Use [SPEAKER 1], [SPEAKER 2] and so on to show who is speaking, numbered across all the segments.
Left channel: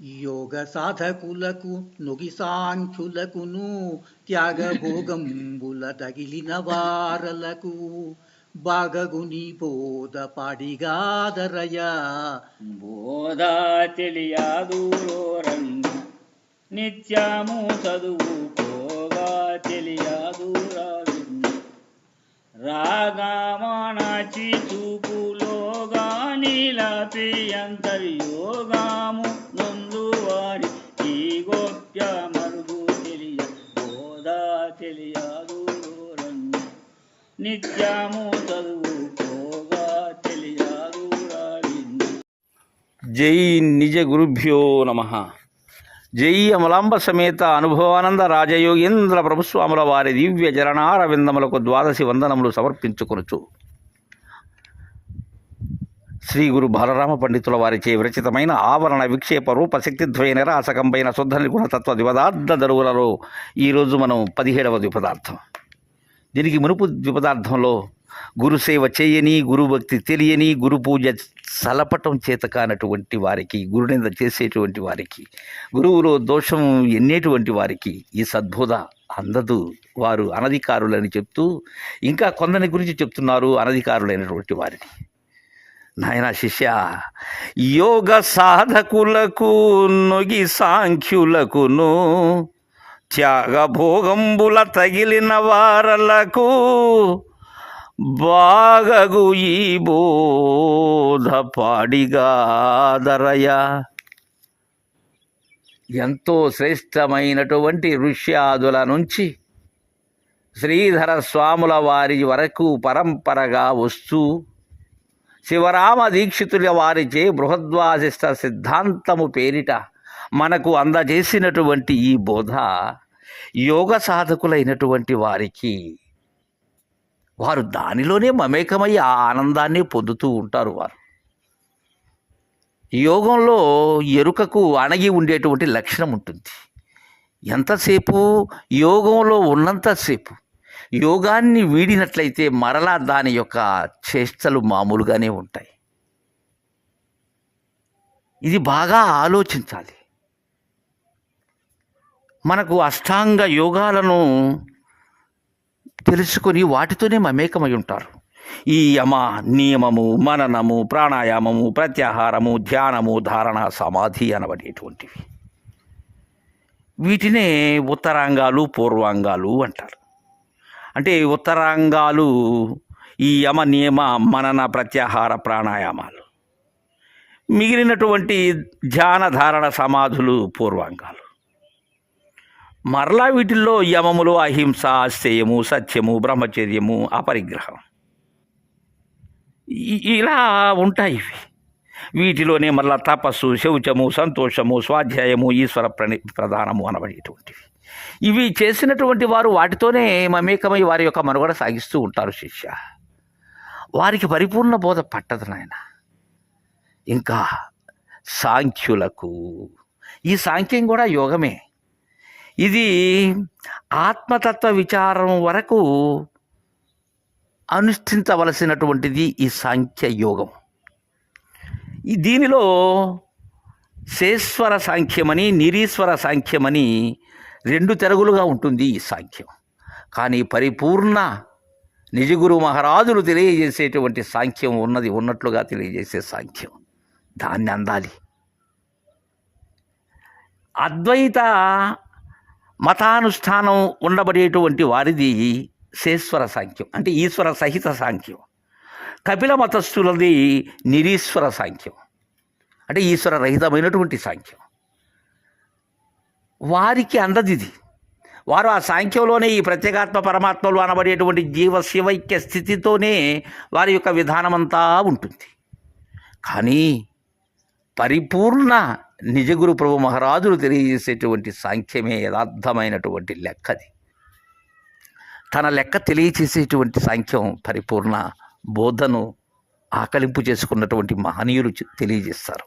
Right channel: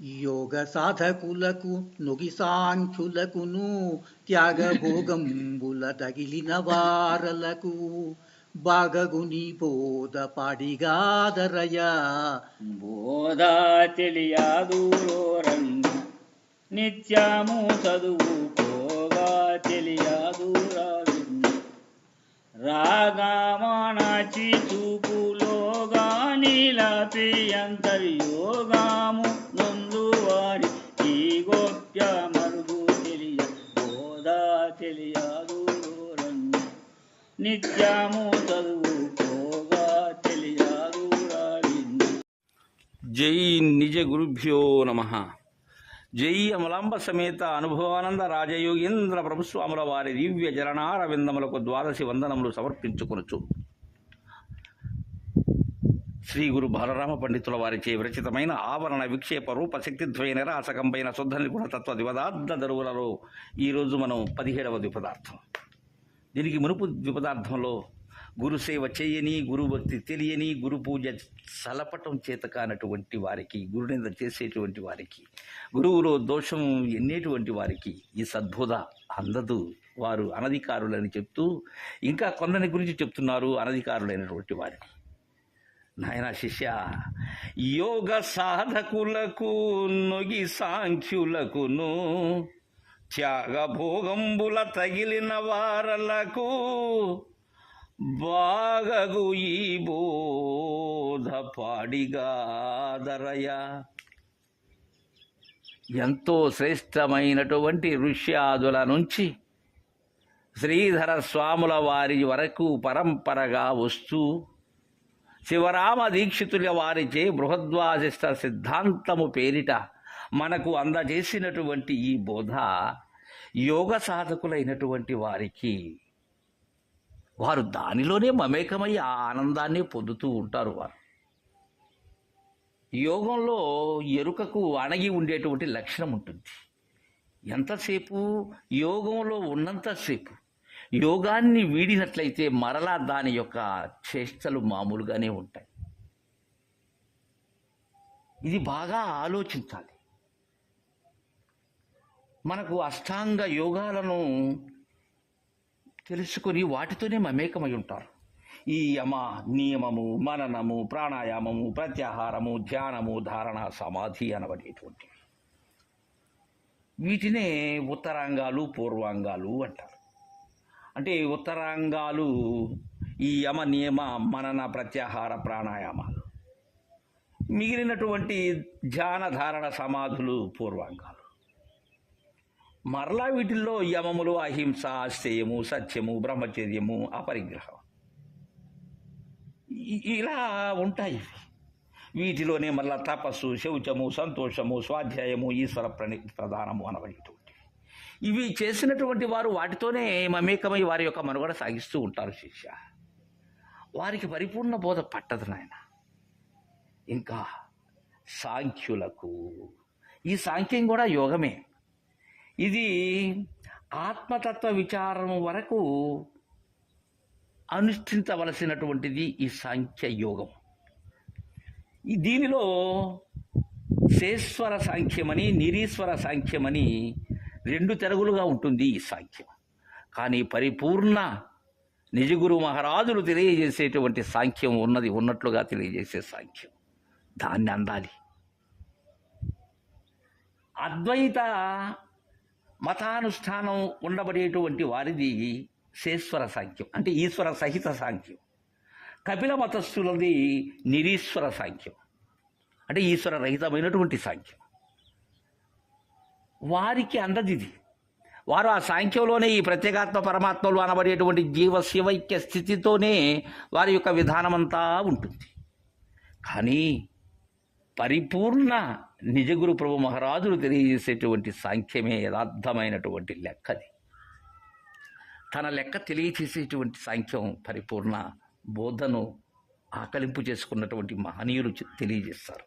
[SPEAKER 1] యోగ సాధకులకు నుగిసాంఖ్యులకును త్యాగభోగంబుల తగిలిన వారలకు బాగగుని బోధ పాడిగాదరయ
[SPEAKER 2] బోధ తెలియదు రంగు నిత్యము చదువుకోగా తెలియదు రావిన్ను రాగమానాచి చూపులోగా నీలపి అంతర్యోగాము తెలియదు రంగు నిత్యము చదువుకోగా తెలియదు
[SPEAKER 3] జై నిజ గురుభ్యో నమ. జై అమలాంబ సమేత అనుభవానంద రాజయోగేంద్ర ప్రభుస్వాముల వారి దివ్య జరణారవిందములకు ద్వాదశి వందనములు సమర్పించుకొనుచు. శ్రీ గురు బాలరామ పండితుల వారిచే విరచితమైన ఆవరణ విక్షేప రూప శక్తిద్వయ నిరాసకంపైన శుద్ధ నిగుణతత్వ ద్విపదార్థ దరువులలో ఈరోజు మనం పదిహేడవ ద్విపదార్థం. దీనికి మునుపు ద్విపదార్థంలో గురుసేవ చేయని గురుభక్తి తెలియని గురు పూజ సలపటం చేత కానటువంటి వారికి గురునింద చేసేటువంటి వారికి గురువులో దోషం ఎన్నేటువంటి వారికి ఈ సద్బోధ అందదు. వారు అనధికారులని చెప్తూ ఇంకా కొందరి గురించి చెప్తున్నారు అనధికారులైనటువంటి వారిని. నాయన శిష్య యోగ సాధకులకు నొగి సాంఖ్యులకును త్యాగ భోగంబుల తగిలిన వారలకు బాగగు ఈ బోధ పాడిగాదరయ ఎంతో శ్రేష్టమైనటువంటి ఋష్యాదుల నుంచి శ్రీధర స్వాముల వారి వరకు పరంపరగా వస్తూ శివరామ దీక్షితుల వారిచే బృహద్వాసిష్ట సిద్ధాంతము పేరిట మనకు అందజేసినటువంటి ఈ బోధ యోగ సాధకులైనటువంటి వారికి వారు దానిలోనే మమేకమై ఆ ఆనందాన్ని పొందుతూ ఉంటారు వారు. యోగంలో ఎరుకకు అణగి ఉండేటువంటి లక్షణం ఉంటుంది. ఎంతసేపు యోగంలో ఉన్నంతసేపు యోగాన్ని వీడినట్లయితే మరలా దాని యొక్క చేష్టలు మామూలుగానే ఉంటాయి. ఇది బాగా ఆలోచించాలి. మనకు అష్టాంగ యోగాలను తెలుసుకొని వాటితోనే మమేకమై ఉంటారు. ఈ యమ నియమము మననము ప్రాణాయామము ప్రత్యాహారము ధ్యానము ధారణ సమాధి అనబడేటువంటివి. వీటినే ఉత్తరాంగాలు పూర్వాంగాలు అంటారు. అంటే ఉత్తరాంగాలు ఈ యమ నియమ మనన ప్రత్యాహార ప్రాణాయామాలు. మిగిలినటువంటి ధ్యాన ధారణ సమాధులు పూర్వాంగాలు. మరలా వీటిల్లో యమములు అహింస అస్థేయము సత్యము బ్రహ్మచర్యము అపరిగ్రహం. ఇలా ఉంటాయి ఇవి. వీటిలోనే మళ్ళా తపస్సు శౌచము సంతోషము స్వాధ్యాయము ఈశ్వర ప్రణి ప్రధానము అనబడేటువంటివి. ఇవి చేసినటువంటి వారు వాటితోనే మమేకమై వారి యొక్క మనుగడ సాగిస్తూ ఉంటారు శిష్య. వారికి పరిపూర్ణ బోధ పట్టదు నాయన. ఇంకా సాంఖ్యులకు ఈ సాంఖ్యం కూడా యోగమే. ఇది ఆత్మతత్వ విచారం వరకు అనుష్ఠించవలసినటువంటిది ఈ సాంఖ్య యోగం. ఈ దీనిలో శేశ్వర సాంఖ్యమని నిరీశ్వర సాంఖ్యమని రెండు తెరగులుగా ఉంటుంది ఈ సాంఖ్యం. కానీ పరిపూర్ణ నిజగురు మహారాజులు తెలియజేసేటువంటి సాంఖ్యం ఉన్నది ఉన్నట్లుగా తెలియజేసే సాంఖ్యం. దాన్ని అందాలి. అద్వైత మతానుష్ఠానం ఉండబడేటువంటి వారిది శేశ్వర సాంఖ్యం అంటే ఈశ్వర సహిత సాంఖ్యం. కపిల మతస్థులది నిరీశ్వర సాంఖ్యం అంటే ఈశ్వర రహితమైనటువంటి సాంఖ్యం. వారికి అందదిది. వారు ఆ సాంఖ్యంలోనే ఈ ప్రత్యేగాత్మ పరమాత్మలు అనబడేటువంటి జీవ శివైక్య స్థితితోనే వారి యొక్క విధానమంతా ఉంటుంది. కానీ పరిపూర్ణ నిజగురు ప్రభు మహారాజులు తెలియజేసేటువంటి సాంఖ్యమే యథార్థమైనటువంటి లెక్కది. తన లెక్క తెలియచేసేటువంటి సాంఖ్యం పరిపూర్ణ బోధను ఆకలింపు చేసుకున్నటువంటి మహనీయులు తెలియజేస్తారు.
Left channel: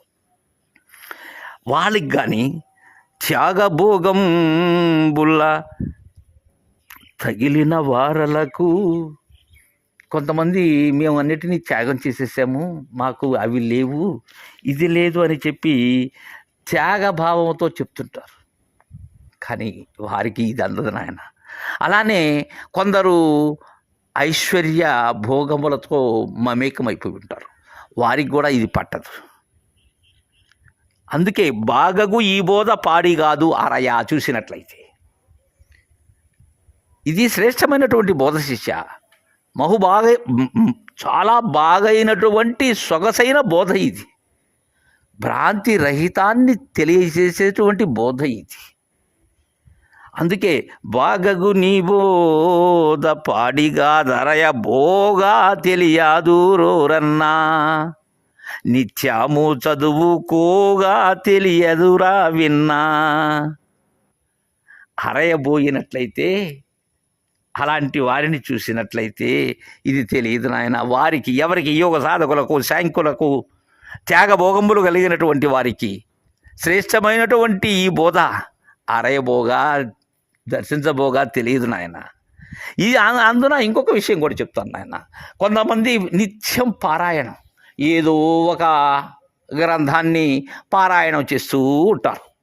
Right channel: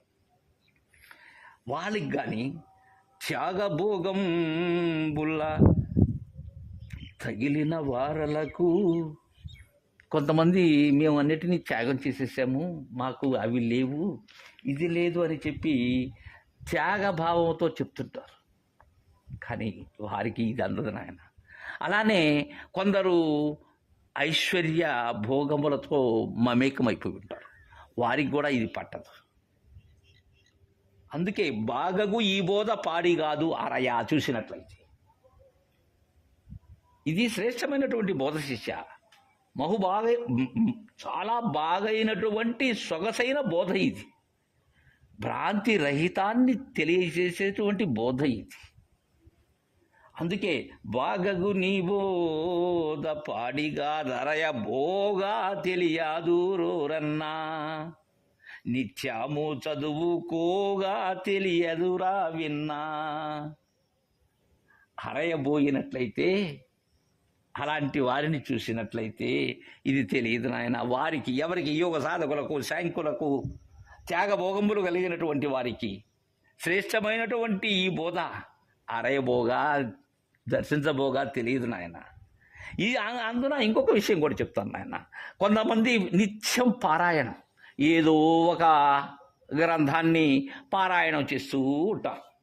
[SPEAKER 3] వాళ్ళకి కానీ త్యాగభోగం బుల్ల తగిలిన వారలకు కొంతమంది మేము అన్నిటినీ త్యాగం చేసేసాము. మాకు అవి లేవు. ఇది లేదు అని చెప్పి త్యాగభావంతో చెప్తుంటారు. కానీ వారికి ఇది అందదు నాయన. అలానే కొందరు ఐశ్వర్య భోగములతో మమేకమైపోయి ఉంటారు. వారికి కూడా ఇది పట్టదు. అందుకే బాగగు ఈ బోధ పాడి కాదు అరయా చూసినట్లయితే. ఇది శ్రేష్టమైనటువంటి బోధ శిష్య. మహుబాగ చాలా బాగైనటువంటి సొగసైన బోధ ఇది. భ్రాంతి రహితాన్ని తెలియజేసేటువంటి బోధ ఇది. అందుకే బాగగు నీ బోధ పాడిగా ధరయ బోగా తెలియదు రోరన్నా. నిత్యము చదువుకోగా తెలియదురా విన్నా. అరయబోయినట్లయితే అలాంటి వారిని చూసినట్లయితే ఇది తెలియదు నాయన. వారికి ఎవరికి యోగ సాధకులకు శాంకులకు త్యాగభోగములు కలిగినటువంటి వారికి శ్రేష్టమైనటువంటి ఈ బోధ అరయబోగా దర్శించబోగా తెలియదు నాయన. ఈ అందున ఇంకొక విషయం కూడా చెప్తాను నాయన. కొంతమంది నిత్యం పారాయణం ఏదో ఒక గ్రంథాన్ని పారాయణం చేస్తూ ఉంటారు.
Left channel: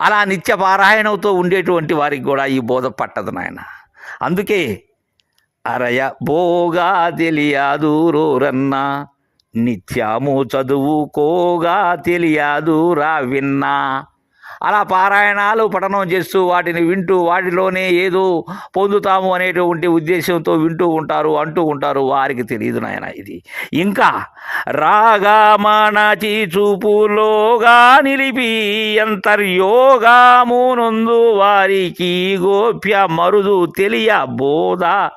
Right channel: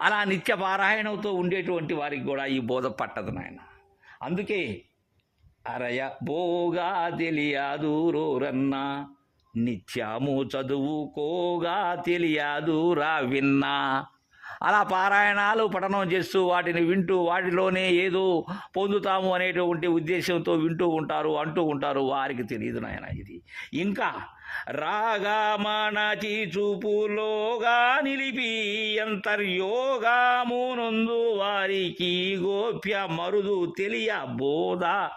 [SPEAKER 3] అలా నిత్య పారాయణంతో ఉండేటువంటి వారికి కూడా ఈ బోధ పట్టదు నాయన. అందుకే అరయ బోగా తెలియదు రోరన్నా నిత్యము చదువుకోగా తెలియదు రా విన్నా. అలా పారాయణాలు పఠనం చేస్తూ వాటిని వింటూ వాటిలోనే ఏదో పొందుతాము అనేటువంటి ఉద్దేశంతో వింటూ ఉంటారు అంటూ ఉంటారు. వారికి తెలియదు నాయన ఇది. ఇంకా రాగా మానాచి చూపులోగా నిలిపి అంతర్యోగామునందు వారికి గోప్య మరుదు తెలియ బోధ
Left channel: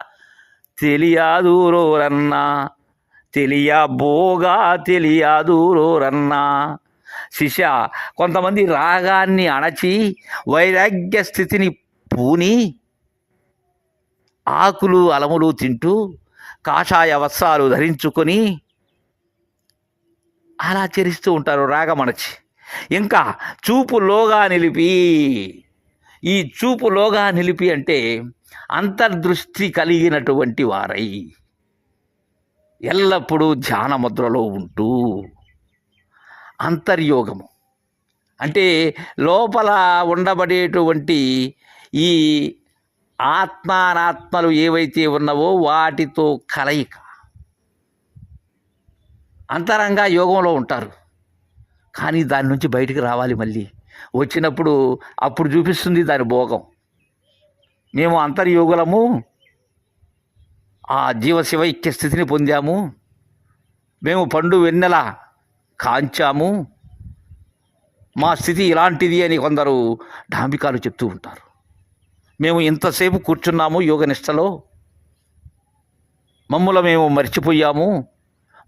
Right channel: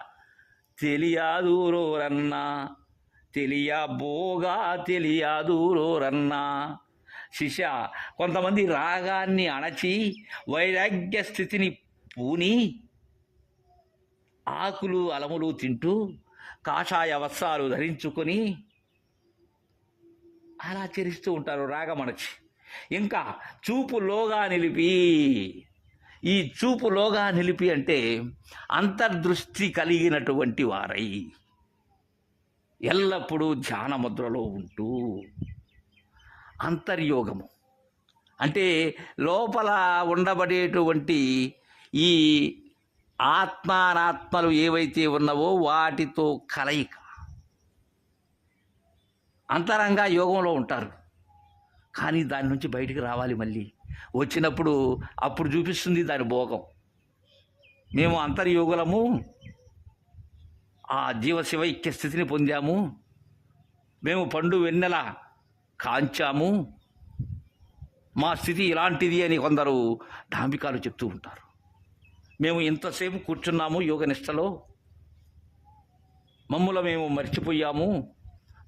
[SPEAKER 3] తెలియదు రోరన్నా. తెలియ బోగా తెలియదు రోరన్నా. శిష్య కొంతమంది రాగాన్ని అణచి వైరాగ్య స్థితిని పూని ఆకులు అలములు తింటూ కాషాయ వస్త్రాలు ధరించుకొని అలా చరిస్తూ ఉంటారు రాగమణచి. ఇంకా చూపులోగా నిలిపి ఈ చూపులోగా నిలిపి అంటే అంతర్దృష్టి కలిగినటువంటి వారై ఎల్లప్పుడూ ధ్యాన ముద్రలో ఉంటూ అంతర్యోగము. అంటే లోపల ఉండబడేటువంటి ఈ ఆత్మానాత్మలు ఏవైతే ఉన్నవో వాటితో కలయిక. అంతరంగా యోగంలో ఉంటారు. కానీ దాని నుంచి బయటికి రావాలి మళ్ళీ. వచ్చినప్పుడు అప్పుడు చూపిస్తుంది దాని భోగం. మేము అంతర్యోగులము. ఆ జీవశివైక్య స్థితిని పొందాము. మేము పండు వెన్నెల కాంచాము. మా స్థితి ఇలాంటిది అని కొందరు డాంబికాలు చెప్తూ ఉంటారు. మేము ఇంతసేపు కూర్చున్నాము యోగనిష్టలో మమ్ముల మేము మర్చిపోయాము.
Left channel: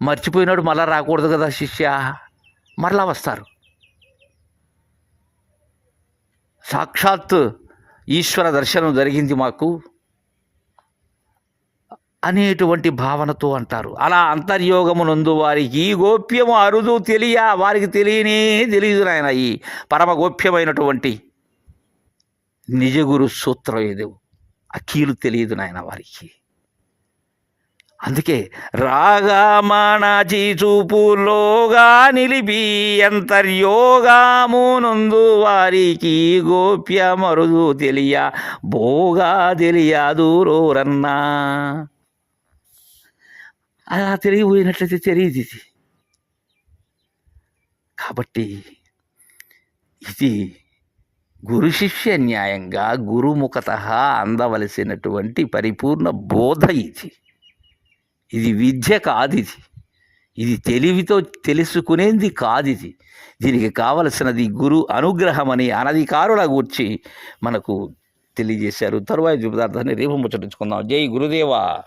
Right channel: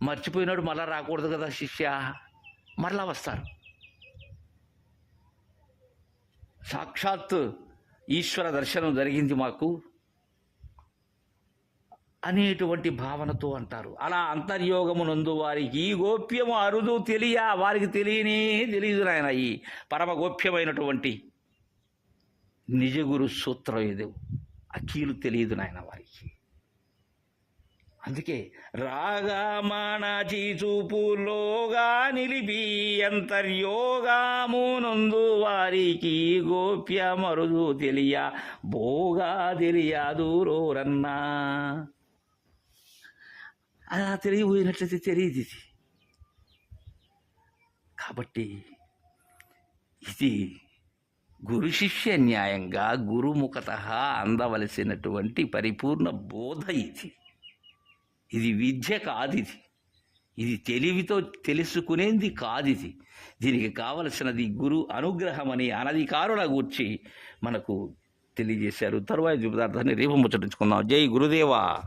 [SPEAKER 3] మర్చిపోయినాడు మళ్ళా రాకూడదు కదా శిష్య. మరలా వస్తారు. సాక్షాత్ ఈశ్వర దర్శనం జరిగింది మాకు. అనేటువంటి భావనతో అంటారు. అలా అంతర్యోగమునందు వారికి ఈ గోప్యము అరుదు తెలియ వారికి తెలియనే తెలియదు నాయన ఈ పరమ గోప్యమైనటువంటి నిజగురు సూత్రం ఏదో. అఖీలు తెలియదు నాయన వారికి. అందుకే రాగామానాచి చూపులోగా నిలిపి అంతర్యోగామునందు వారికి గోప్యమరుదు తెలియ భోగా తెలియదు రోరన్నా. అలా తెలియపోయినట్లయితే తెలియదు ఇది. కాబట్టి ఇది గురు శిష్య న్యాయంగా గురుముఖత అందవలసినటువంటి పరిపూర్ణ బోధ ఇది. ఇది విద్య కాదు ఇది. ఇది తెలివితో తెలుసుకునేది కాదు ఇది. దీనికి కావలసినది గురు అనుగ్రహం అని అనధికారుల గూర్చి మనకు తెలియజేశారు. తరువాయి పదార్థాన్ని రేపు ముచ్చటించుకుందాం. జై గురుదేవా.